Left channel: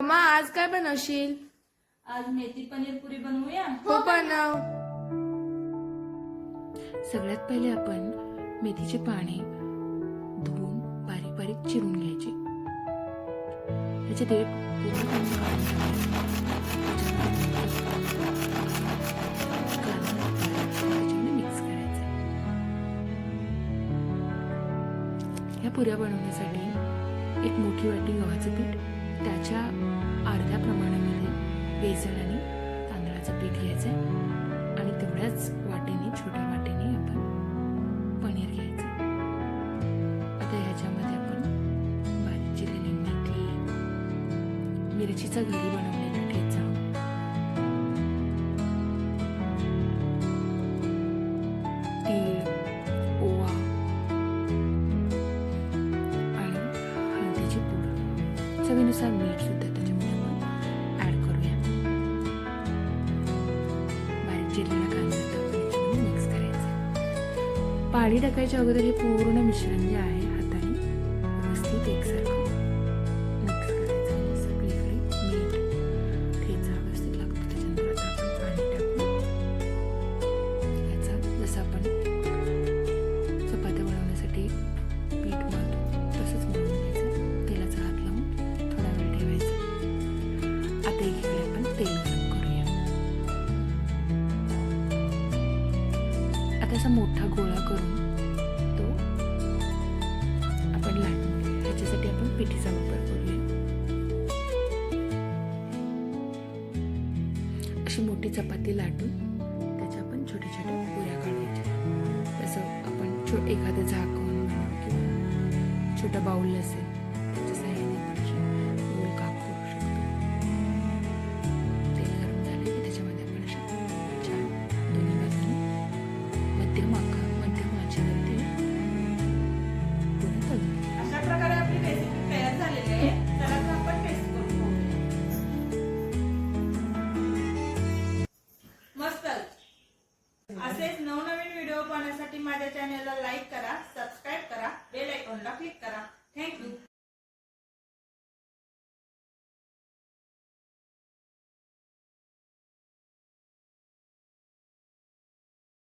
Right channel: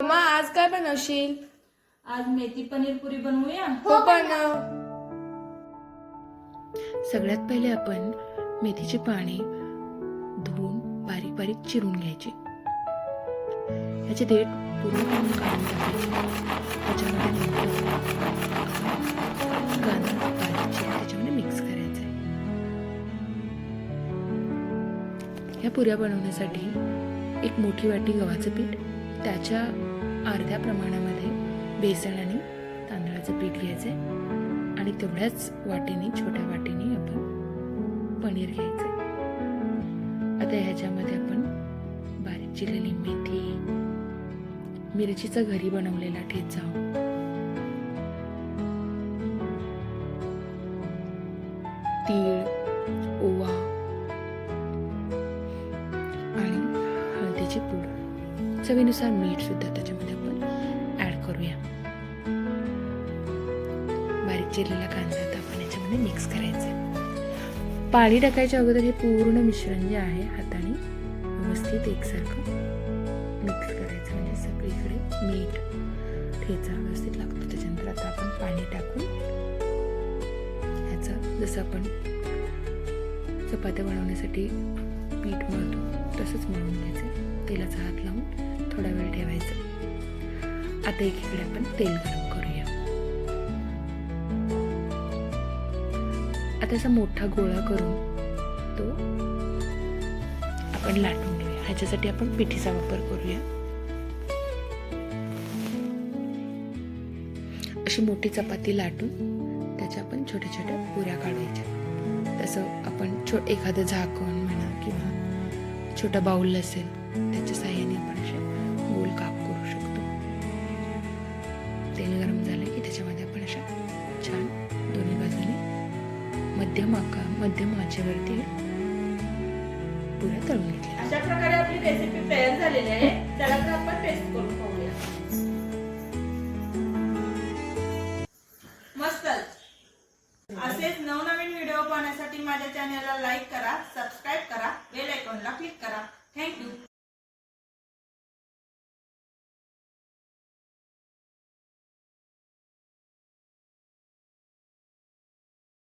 Mamma आज काय बनवशील? आज मेथी पनीर पुरी बनवूया. हो बनव. सगळ्यात पहिले आपण मेथीचे पाने धुवून बारीक बारीक चिरून घ्यायचे. याचे देठ पूर्णपणे काढून टाकायचे. त्याच्यामध्ये नंतर कांदा बारीक चिरून त्याच्यामध्ये मिक्स करायचा. ह्या पुऱ्या बनवण्यासाठी एक मोठी वाटी गव्हाचं पीठ, त्याच्या अर्ध्या प्रमाणामध्ये बेसन आणि तांदळाचं पीठ घ्यायचं आहे आणि तेवढ्याच वाटीने छोट्या वाटीने आपण पनीर घ्यायचं. आता ह्याच्यामध्ये आपण बारीक चिरलेली मेथी, मिरचीचा घरी बनवलेला ठेचा, तीळ, ओवा आणि हळदीची पूड, चवीनुसार मीठ सुद्धा त्याच्यामध्ये आपण ऍड करूया. बारीक चिरलेला कांदा आता आपण याच्यामध्ये मिक्स करायचा. पाणी टाकायच्या अगोदर हे पूर्ण मिश्रण जे आहे हाताने व्यवस्थित एकसारखं मिक्स करायचं, म्हणजे सगळीकडे मीठ, ठेचा व्यवस्थित लागतो. त्याच्यानंतर आता आपण पाणी टाकून ह्याचा जसं आपण चपात्या बनवण्यासाठी पीठ मळतो तसंच मळून घ्यायचं. तेलाचा हात लावून थोडा वेळ ठेवायचं. आता एकीकडे आपण तेल गरम करूया. आता असा मोठा गोळा करून तो आपण लाटून घेऊया. ह्याच्यासाठी आपण पिठीचा वापर करूया. अशी मोठी चपाती लाटून त्याच्या आपण छोट्या छोट्या पुऱ्या काढायच्या. तसं आपण एखादं झाकण म्हणा किंवा छोटा बाउल असेल त्याच्या साह्याने आपण असे गोल काप करू शकतो. तेल गरम झाले की त्याच्यामध्ये आपण अशा छान दोन्ही बाजूने मध्यम आचेवरती पुऱ्या तळून घेतल्या. अशा प्रकारे आपली रेसिपी तयार झालेली आहे. त्याला तर आपण टेस्ट करून पाहूया. मस्त. असेच नवनवीन व्हिडिओ पाहण्यासाठी माझ्या चॅनलला लाईक करा, सबस्क्राईब करा, बेल आयकॉनला क्लिक करा. थँक्यू.